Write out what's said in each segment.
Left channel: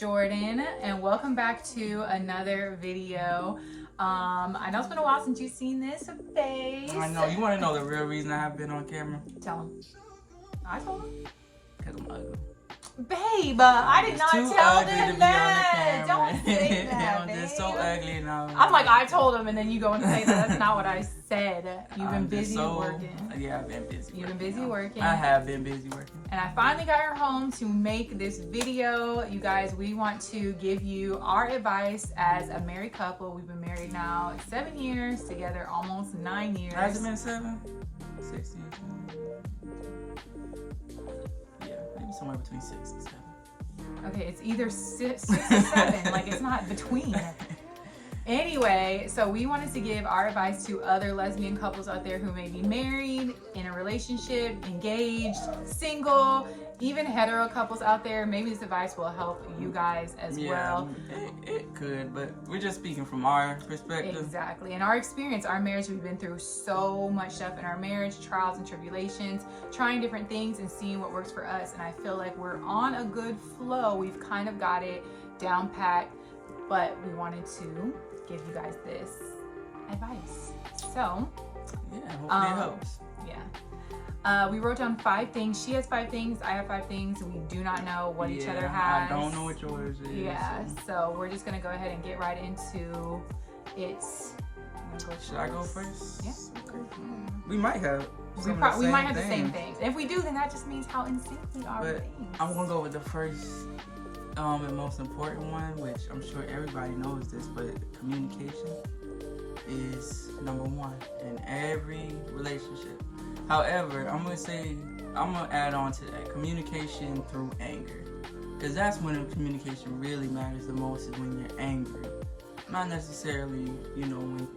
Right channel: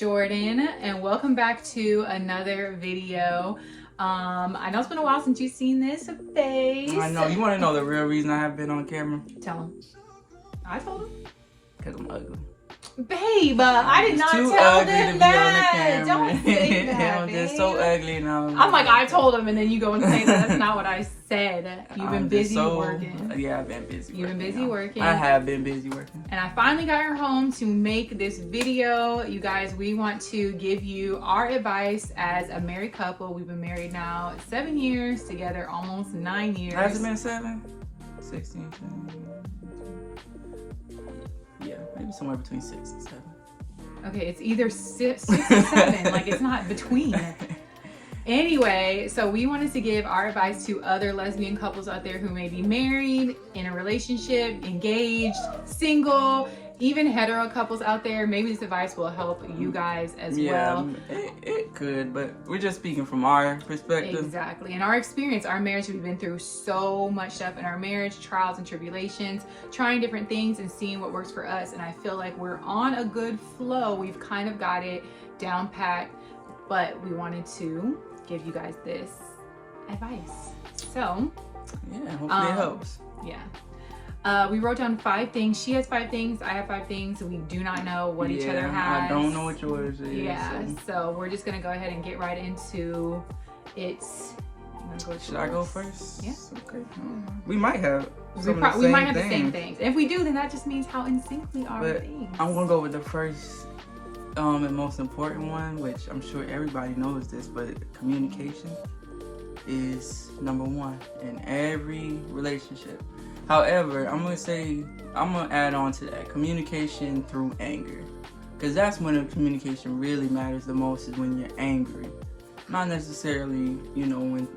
Jordan, and welcome back to another video. I know it's been a while since you've seen this face. I know. You want to know the real reason I have been on camera? Tell him. I told him. Because I'm ugly. Babe, I did not tell them that. Don't say that, I'm babe. just so ugly now. I'm like, I told him, and then you go and say that. That's not what I said. You've been busy working. Yeah, I've been busy. You've been busy working. I have been busy working. And I finally got her home to make this video. You guys, we want to give you our advice as a married couple. We've been married now 7 years, together almost 9 years. Has it been 7? 16, 17. Yeah, maybe somewhere between 6 and 7. Okay, it's either 6 or 7. Like, it's not between. Anyway, so we wanted to give our advice to other lesbian couples out there who may be married, in a relationship, engaged, single, even hetero couples out there. Maybe this advice will help you guys as well. It could, but we're just speaking from our perspective. Exactly. In our experience, our marriage, we've been through so much stuff in our marriage, trials and tribulations, trying different things and seeing what works for us. And I feel like we're on a good flow. We've kind of got it down pat, but we wanted to give you guys this advice. So yeah, hopefully it helps. Yeah. We wrote down 5 things. She has 5 things. I have 5 things. We do not know what each other has. I don't know what yours is. Yeah. So we're just gonna go ahead and get right into it. Should I go first? Yes. Okay. We might have. We might have the same things. If we do, then that just means how in sync we are with things. I'm gonna go with the first and most important one, which I'm sure everybody knows this, but communication is number 1 in every relationship. However, I'm gonna add on to that, communication through anger, because that's when the communication really matters the most, is when you're angry. Not necessarily, when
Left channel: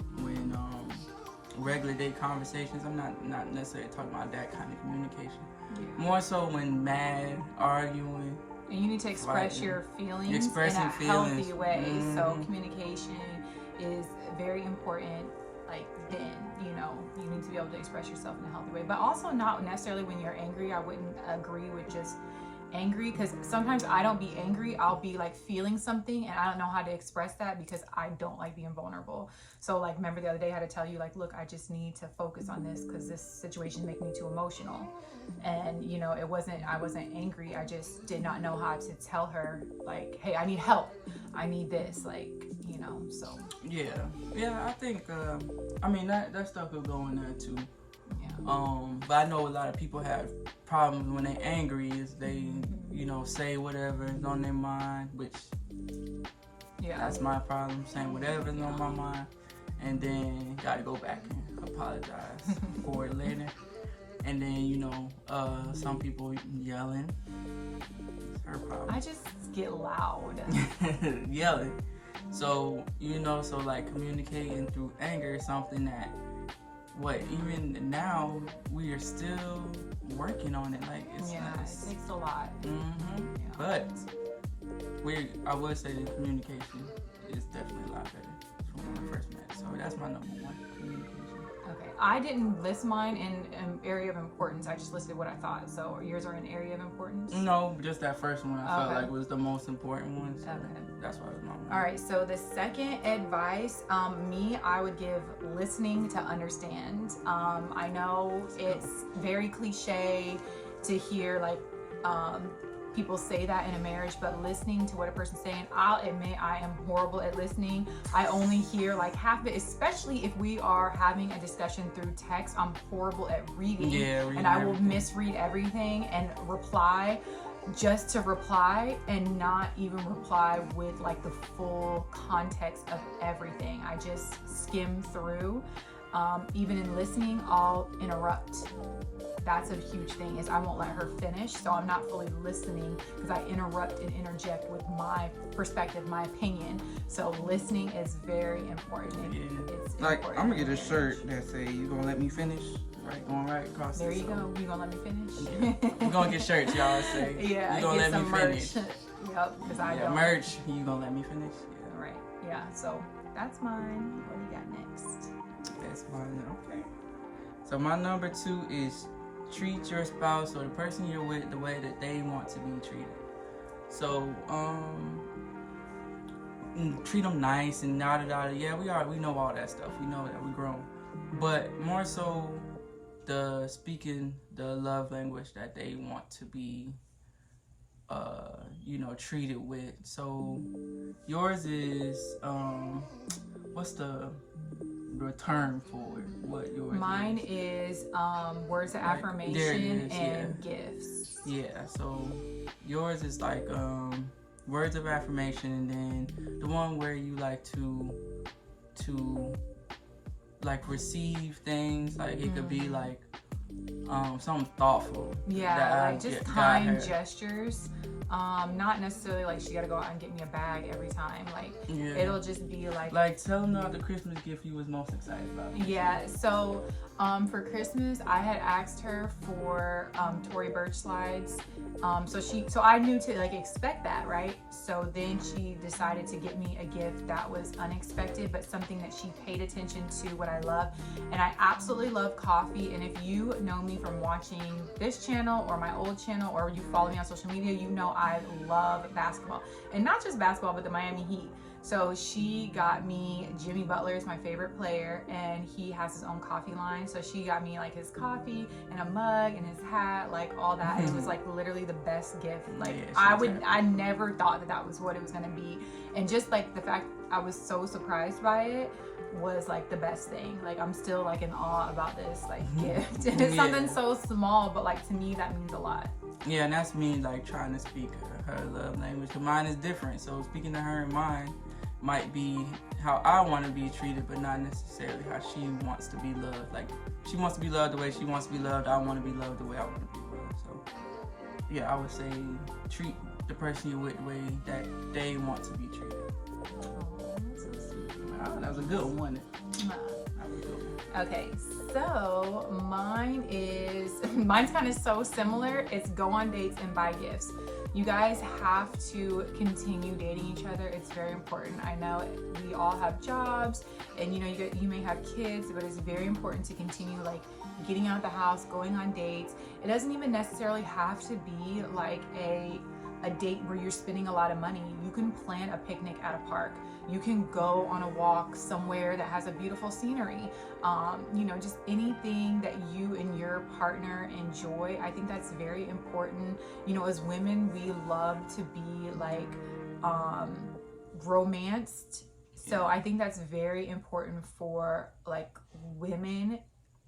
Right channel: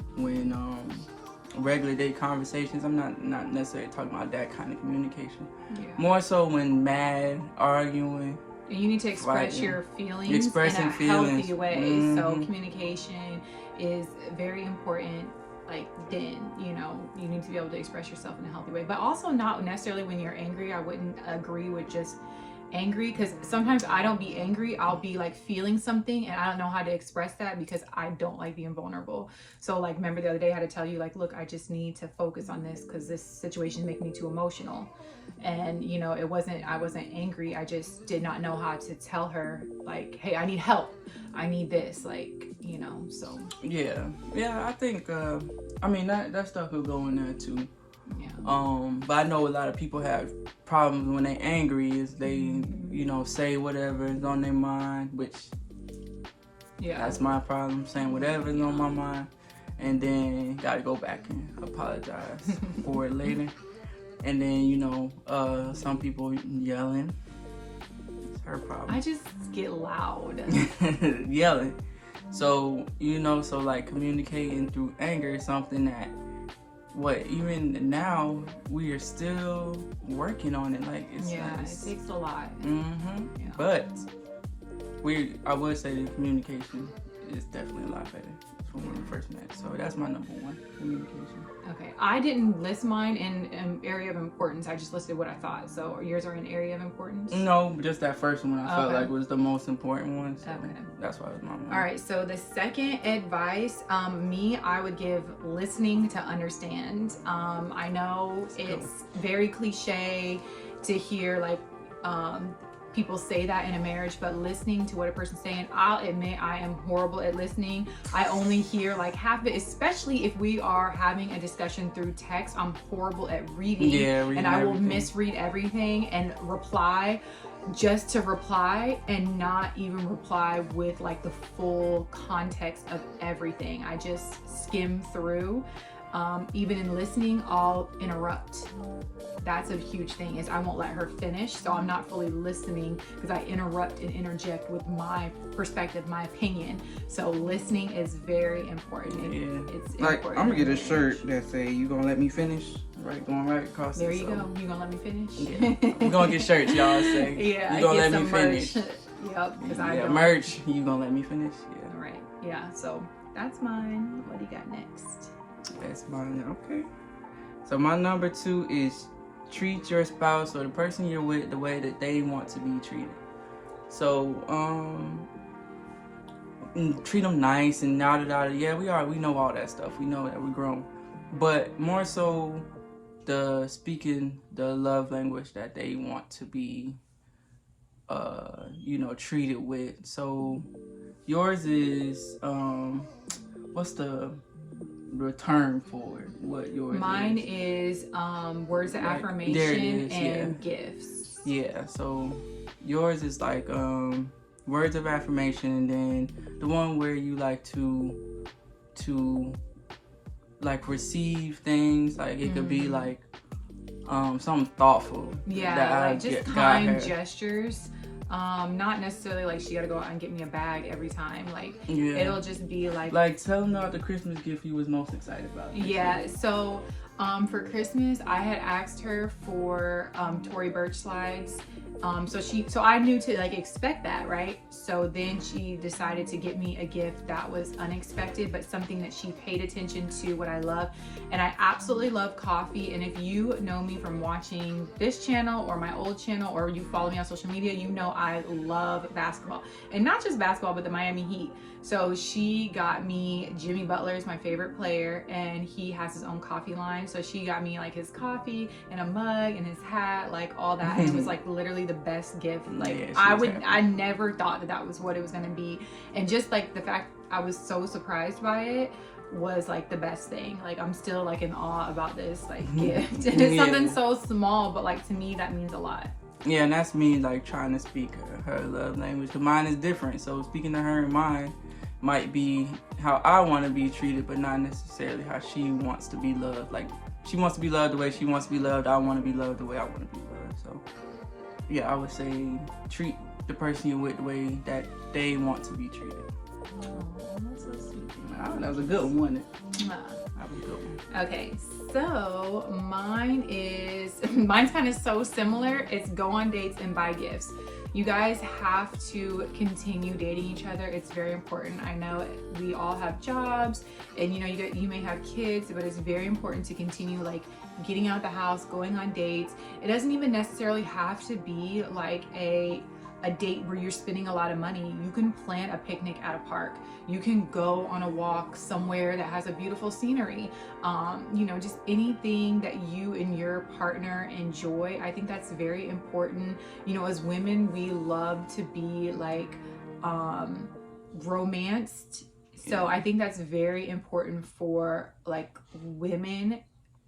regular day conversations. I'm not necessarily talking about that kind of communication. Yeah. More so when mad, arguing. And you need to express your feelings in a healthy way. Mm-hmm. So communication is very important. Like, then, you need to be able to express yourself in a healthy way. But also not necessarily when you're angry. I wouldn't agree with just angry, because sometimes I don't be angry. I'll be like feeling something and I don't know how to express that because I don't like being vulnerable. So like, remember the other day I had to tell you, like, look, I just need to focus on this because this situation makes me too emotional. And I wasn't angry. I just did not know how to tell her, like, hey, I need help. I need this, like, so. Yeah, I think, that stuff will go in there too. Yeah. But I know a lot of people have problems when they're angry, is they, say whatever is on their mind, which, that's my problem, saying whatever is on my mind, and then gotta go back and apologize for it later. And then, some people yelling. It's her problem. I just get loud. Yelling. So, so like communicating through anger is something that, even now, we are still working on it. Like, it takes a lot. Mm-hmm. Yeah. But I would say that communication is definitely a lot better from when we first met. So that's my number 1, communication. Okay, I didn't list mine in an area of importance. I just listed what I thought. So yours are in area of importance? No, just that first one I felt like was the most important one. So okay. That's why it was my one. All right, so the second advice, I would give listening to understand. I know it's very cliche to hear like people say that in a marriage, but listening to what a person's saying, I'll admit I am horrible at listening. I only hear like half of it, especially if we are having a discussion through text. I'm horrible at reading, and I will misread everything and reply just to reply and not even reply with like the full context of everything. I just skim through. Even in listening, I'll interrupt. That's a huge thing, is I won't let her finish, so I'm not fully listening because I interrupt and interject with my perspective, my opinion. So listening is very important. It's like important. I'm gonna get a shirt that say, "You gonna let me finish?" Right, going right across. There you go. You gonna let me finish? Yeah. We're gonna get shirts, y'all say. Yeah. You gonna let me finish? Yep. Because I don't. Merch. You gonna let me finish? Yeah. All right. Yeah. So that's mine. What do you got next? That's mine. Okay. So my number 2 is treat your spouse or the person you're with the way that they want to be treated. So treat them nice and yada. Yeah, we know all that stuff. We know that we're grown, but more so speaking the love language that they want to be treated with. So yours is what's the term for what yours Mine is words of affirmation and gifts. Yeah, so yours is like words of affirmation, and then the one where you like to like receive things, like it could be like something thoughtful. Yeah, like just kind gestures. Not necessarily like she gotta go out and get me a bag every time. Like it'll just be like tell them about the Christmas gift you was most excited about. Yeah, so for Christmas I had asked her for Tory Burch slides. So I knew to like expect that, right? So then she decided to get me a gift that was unexpected, but something that she paid attention to what I love. And I absolutely love coffee. And if you know me from watching this channel or my old channel, or you follow me on social media, you know I love basketball. And not just basketball, but the Miami Heat. So she got me, Jimmy Butler is my favorite player, and he has his own coffee line. So she got me like his coffee and a mug and his hat, like all that. It was like literally the best gift. Like I never thought that was what it was gonna be. And just like the fact I was so surprised by it was like the best thing. Like I'm still like in awe about this like gift. And it's something so small, but like to me that means a lot. Yeah, and that's me like trying to speak her love language. Cause mine is different. So speaking to her and mine might be how I want to be treated, but not necessarily how she wants to be loved. Like she wants to be loved the way she wants to be loved. I want to be loved the way I want to be loved. So yeah, I would say treat the person you're with the way that they want to be treated. Oh, that's so sweet. Wow, that was a good one. Nah. That was a good one. Okay, so mine's kind of so similar. It's go on dates and buy gifts. You guys have to continue dating each other. It's very important. I know we all have jobs and you may have kids, but it's very important to continue like getting out the house, going on dates. It doesn't even necessarily have to be like a date where you're spending a lot of money. You can plan a picnic at a park. You can go on a walk somewhere that has a beautiful scenery. Just anything that you and your partner enjoy. I think that's very important. As women, we love to be like romanced. So I think that's very important for like women,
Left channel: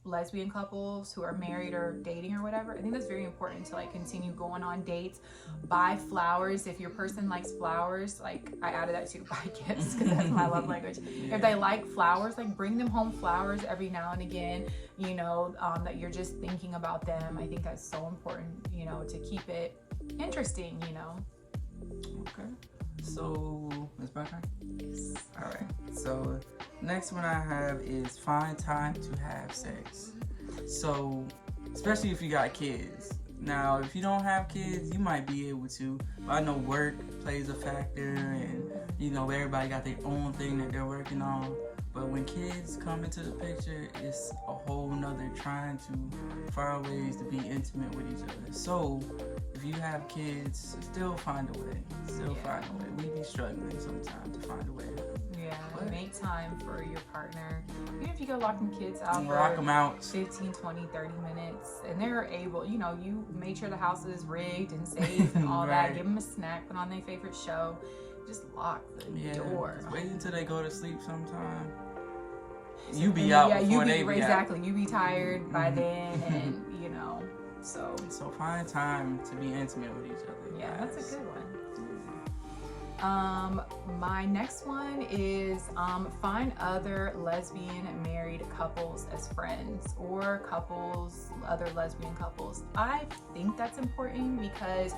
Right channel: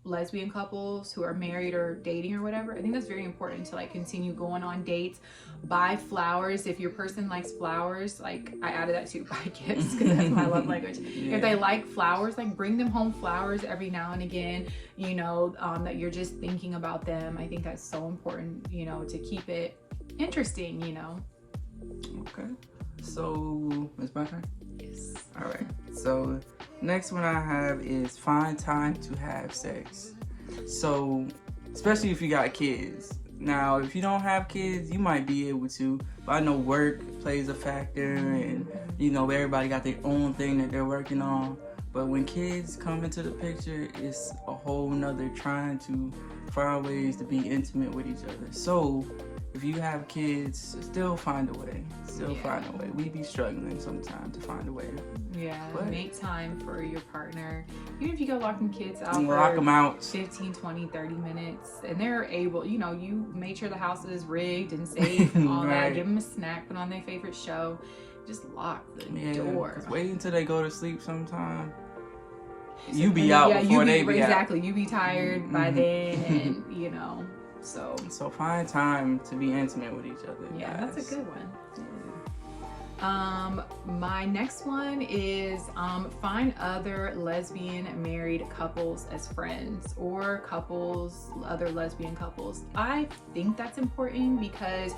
lesbian couples who are married or dating or whatever. I think that's very important to like continue going on dates. Buy flowers. If your person likes flowers, like I added that too, buy gifts, because that's my love language. If they like flowers, like bring them home flowers every now and again, that you're just thinking about them. I think that's so important, to keep it interesting, Okay, so it's my turn? Yes. All right, so next one I have is find time to have sex. So especially if you got kids. Now if you don't have kids, you might be able to, but I know work plays a factor, and everybody got their own thing that they're working on. But when kids come into the picture, it's a whole nother trying to find ways to be intimate with each other. So if you have kids, still find a way. Find a way. We be struggling sometimes to find a way. Yeah, but make time for your partner. Even if you go lock them kids out lock them out 15, 20, 30 minutes, and they're able, you made sure the house is rigged and safe and all that. Give them a snack, put on their favorite show. Just lock the door. Just wait until they go to sleep sometime. You be out before they be out. Exactly. You be tired by then, and So find time to be intimate with each other. Yeah, guys. that's a good one. My next one is find other lesbian married couples as friends, or other lesbian couples. I think that's important because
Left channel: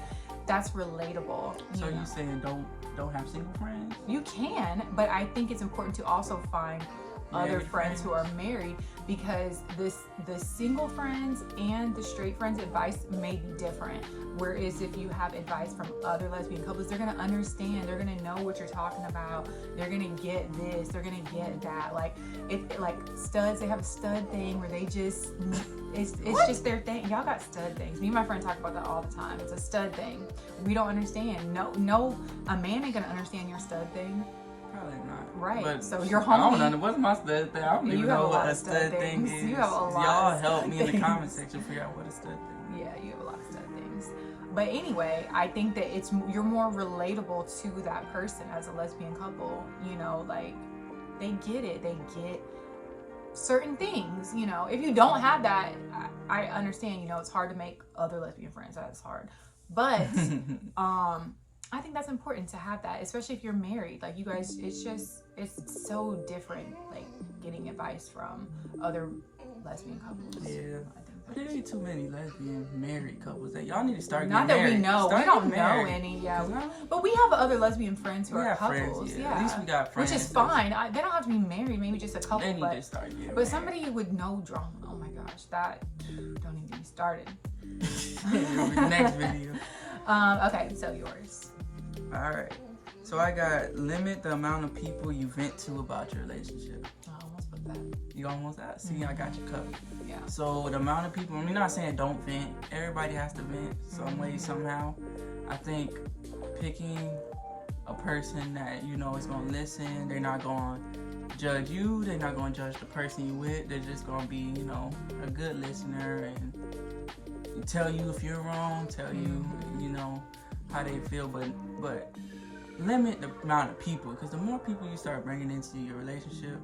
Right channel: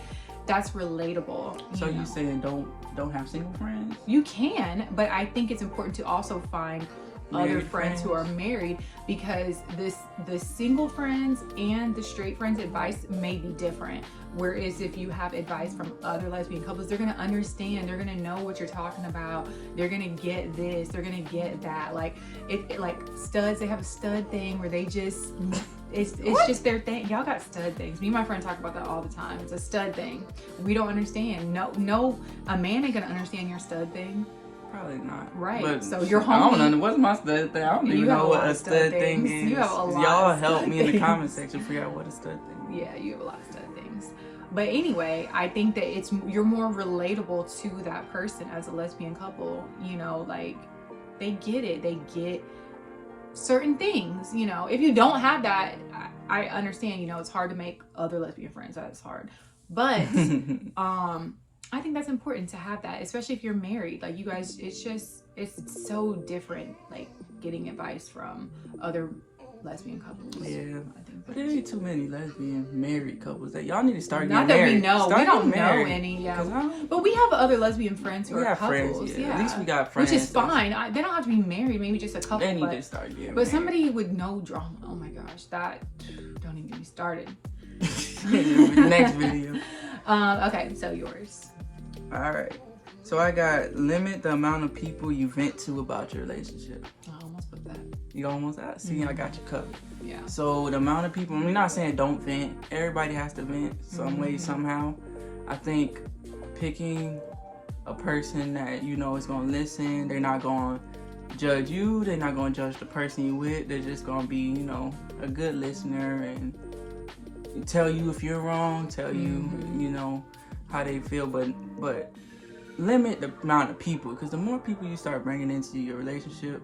that's relatable. So you saying don't have single friends? You can, but I think it's important to also find other friends who are married, because the single friends and the straight friends advice may be different. Whereas if you have advice from other lesbian couples, they're gonna understand, they're gonna know what you're talking about, they're gonna get this, they're gonna get that. Like like studs, they have a stud thing where they just it's just their thing. Y'all got stud things. Me and my friend talk about that all the time. It's a stud thing. We don't understand. No, a man ain't gonna understand your stud thing. Probably not. Right. But so your homie. I don't know. What's my stud thing? I don't even know what a stud thing is. You have a lot. Y'all of help stud me in the things. comment section figure out what a stud thing is. Yeah, you have a lot of stud things. But anyway, I think that you're more relatable to that person as a lesbian couple. You know, like they get it. They get certain things. You know, if you don't have that, I understand. You know, it's hard to make other lesbian friends. That's hard. But I think that's important to have that, especially if you're married. Like you guys, it's so different. Like getting advice from other lesbian couples. Yeah, I think but there ain't too many lesbian married couples that y'all need to start. Not getting that married. we know. Start we don't married. know any. Yeah, but we have other lesbian friends who are couples. Friends, yeah. At least we got friends. Which is fine. They don't have to be married. Maybe just a couple. They need to start getting But married. somebody with no drama. Oh my gosh, that don't even get me started. Next video. Okay, so yours. All right. So I got limit the amount of people you vent to about your relationship. I almost put that. You almost out. See, I got you covered. Yeah. So the amount of people, I'm not saying don't vent. Everybody has to vent some way, somehow. I think picking a person that you know is going to listen, they're not going to judge you, they're not going to judge the person you with, they're just going to be, you know, a good listener and tell you if you're wrong, tell you, you know, how they feel, but limit the amount of people, because the more people you start bringing into your relationship,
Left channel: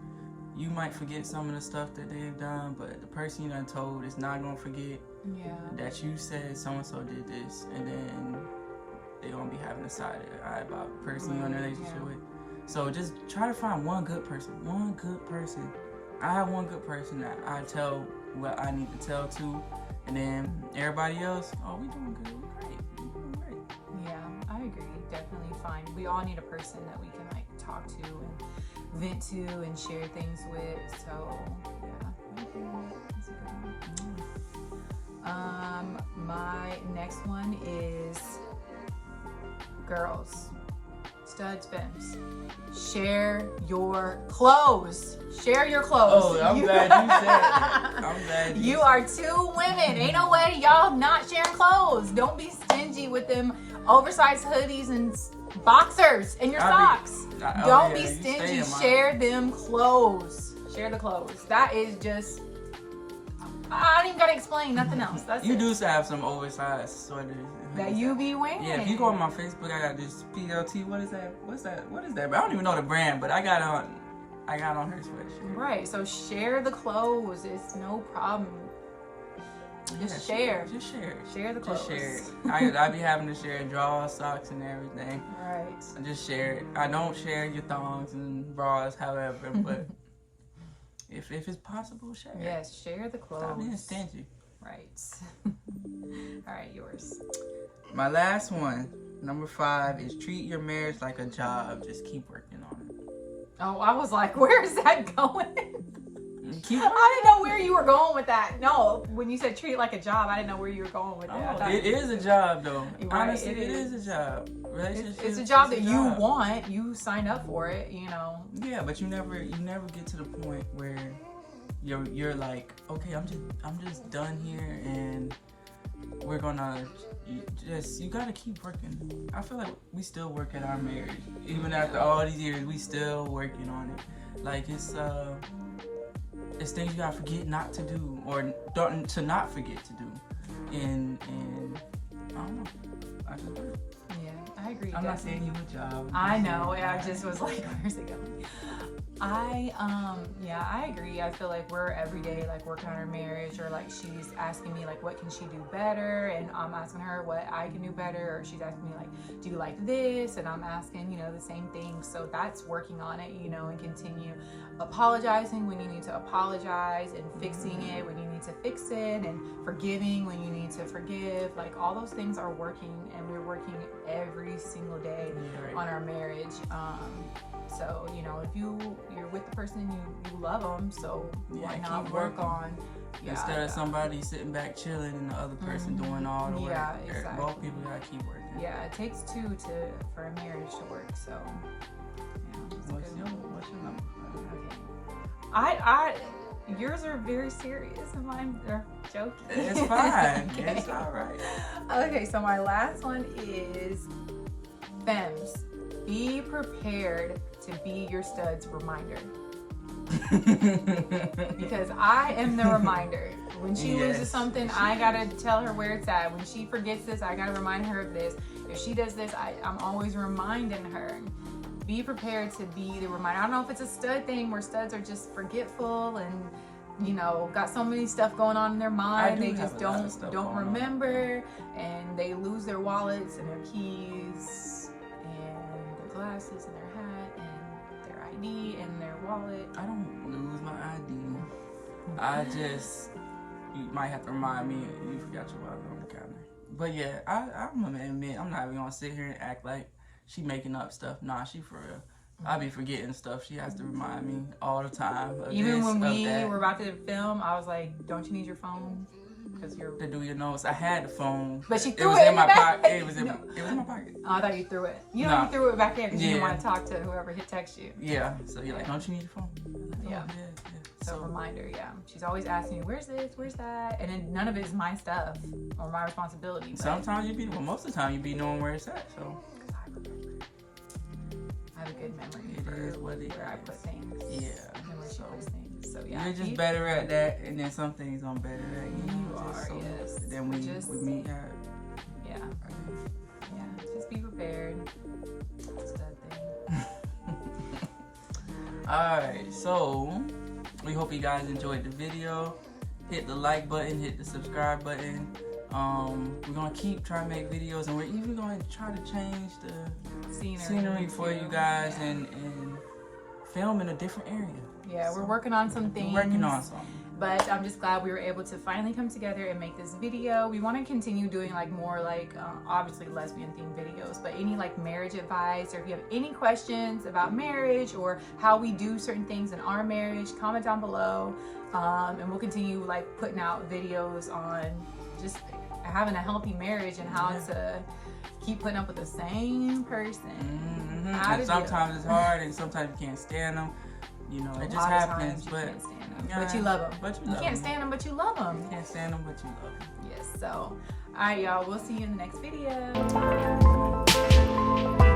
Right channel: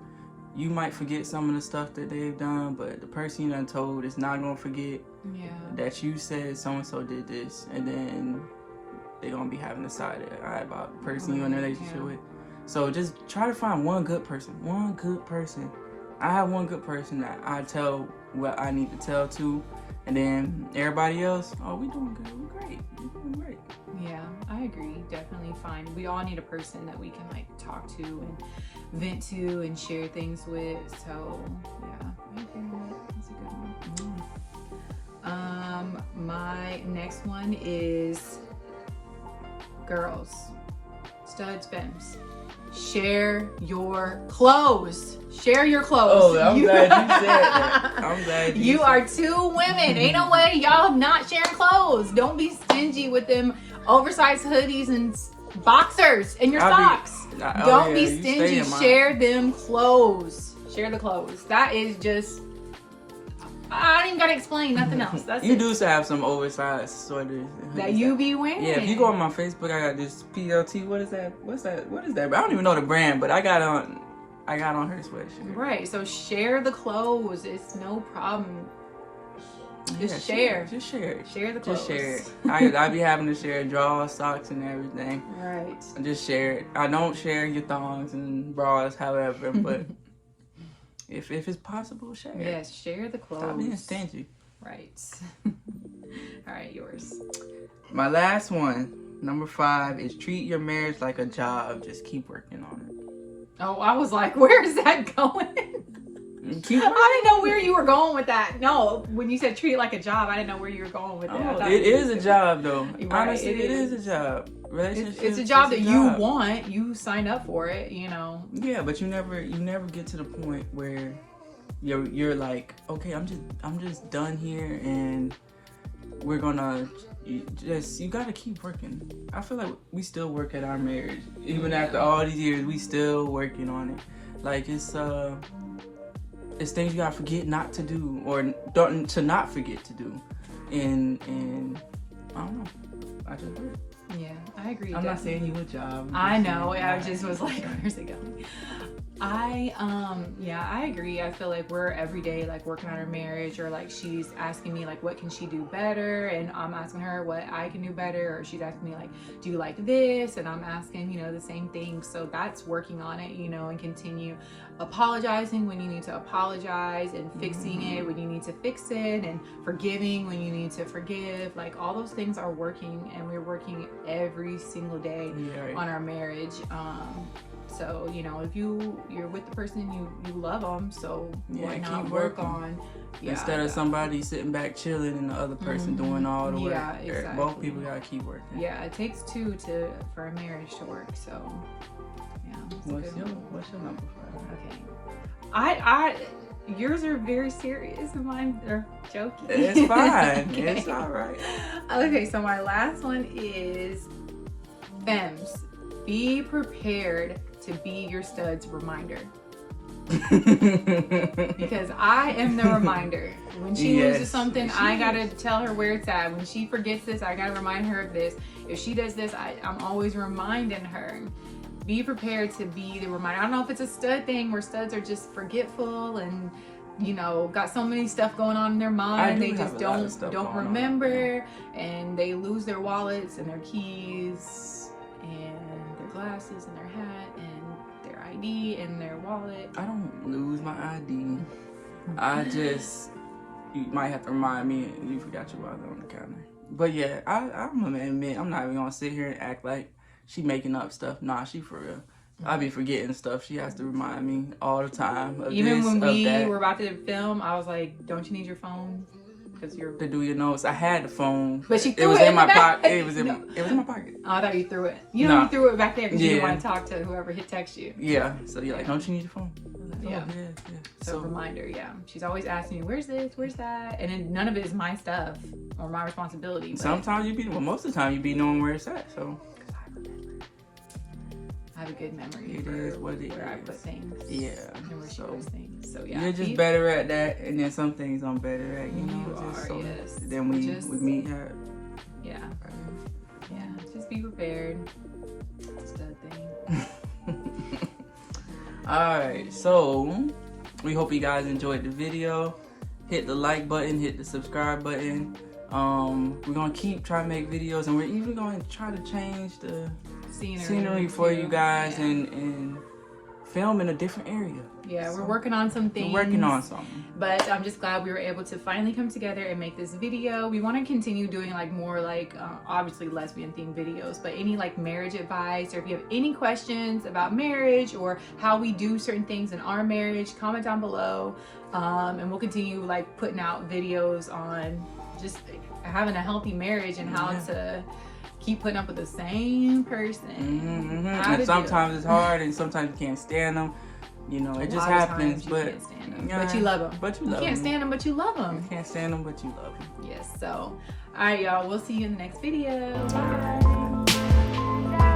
you might forget some of the stuff that they've done, but the person you done told is not gonna forget that you said so-and-so did this, and then they're gonna be having a side eye about the person you're in a relationship with. So just try to find one good person. I have one good person that I tell what I need to tell to, and then everybody else, oh, we doing good, we great, we doing great. Yeah, I agree. Definitely find, we all need a person that we can like talk to and vent to and share things with. So yeah, I agree with that. That's a good one. My next one is girls, studs, femmes. Share your clothes. Share your clothes. Oh, I'm glad you said that. I'm glad you are two women. Ain't no way y'all not sharing clothes. Don't be stingy with them oversized hoodies and boxers and your socks. Don't be stingy. Share them clothes. Share the clothes. That is just, I don't even gotta explain nothing else. That's you it. do have some oversized sweaters that you be wearing. Yeah, if you go on my Facebook, I got this PLT. What is that? What is that? I don't even know the brand, but I got on her sweatshirt. Right. So share the clothes. It's no problem. Just share. Just share it. Share the clothes. Just share it. I be having to share drawers, socks, and everything. Right. Just share it. I don't share your thongs and bras, however, but if it's possible, share it. Yes, share the clothes. Stop being stingy. Right. All right, yours. My last one, number 5, is treat your marriage like a job. Just keep working on it. Oh, I was like, where is that going? I didn't know where you were going with that. No, when you said treat it like a job, I didn't know where you were going with that. Oh, it is a job, though. Right, honestly, it is a job. It's a job that you want. You sign up for it, you know. Yeah, but you never get to the point where you're like, okay, I'm just done here, and we're gonna you gotta keep working. I feel like we still work at our marriage, even after all these years. We still working on it. Like it's things you gotta forget not to do, or to not forget to do, and I don't know. I just work. Yeah, I agree. I'm not saying you a job. I know. I just was like, where's it going? I agree. I feel like we're every day like working on our marriage, or like she's asking me like what can she do better, and I'm asking her what I can do better, or she's asking me like, do you like this, and I'm asking, you know, the same thing. So that's working on it, you know, and continue apologizing when you need to apologize, and fixing it when you need to fix it, and forgiving when you need to forgive. Like all those things are working, and we're working every single day on our marriage. So, you know, if you're with the person, you love them, so why not work on instead of somebody sitting back chilling and the other person doing all the work. Yeah, exactly. Both people gotta keep working. Yeah, it takes two for a marriage to work. So, yeah. What's your number 5? Okay. Yours are very serious and mine are joking. It's fine. Okay. It's all right. Okay, so my last one is femmes. Be prepared to be your stud's reminder. Because I am the reminder. When she loses something, I gotta tell her where it's at. When she forgets this, I gotta remind her of this. If she does this, I'm always reminding her. Be prepared to be the reminder. I don't know if it's a stud thing where studs are just forgetful and, you know, got so many stuff going on in their mind. They just don't remember, and they lose their wallets and their keys and their glasses and their hat and their ID and their wallet. I don't lose my ID. I just, you might have to remind me you forgot your wallet on the counter. But yeah, I'm gonna admit, I'm not even gonna sit here and act like she making up stuff. Nah, she for real. I be forgetting stuff. She has to remind me all the time. Even when we were about to film, I was like, "Don't you need your phone? Because you're to do your notes." I had the phone, but she it was in my pocket. It was in my pocket. Oh, I thought you threw it. You know, you threw it back in because you didn't want to talk to whoever hit text you. Yeah. So you're like, "Don't you need your phone?" Like, yeah. So reminder. Yeah. She's always asking me, "Where's this? Where's that?" And then none of it is my stuff or my responsibility. Sometimes most of the time you be knowing where it's at. So. I have a good memory where I put things. Yeah. And where she puts things. So yeah. You're just better at that, and then some things I'm better at. You know. You are. Yes. Then we meet her. Yeah. Yeah. Just be prepared. That's that thing. All right. So we hope you guys enjoyed the video. Hit the like button. Hit the subscribe button. We're gonna keep trying to make videos, and we're even gonna try to change the scenery for you guys and film in a different area. Yeah, we're working on some things. We're working on something. But I'm just glad we were able to finally come together and make this video. We want to continue doing like more like obviously lesbian themed videos, but any like marriage advice, or if you have any questions about marriage or how we do certain things in our marriage, comment down below. And we'll continue like putting out videos on just having a healthy marriage and how to keep putting up with the same person. And sometimes it's hard, and sometimes you can't stand them. You know, it just happens. But you can't stand them, but you love them. You can't stand them, but you love them. You can't stand them, but you love them. Yes. So, all right, y'all. We'll see you in the next video. Bye.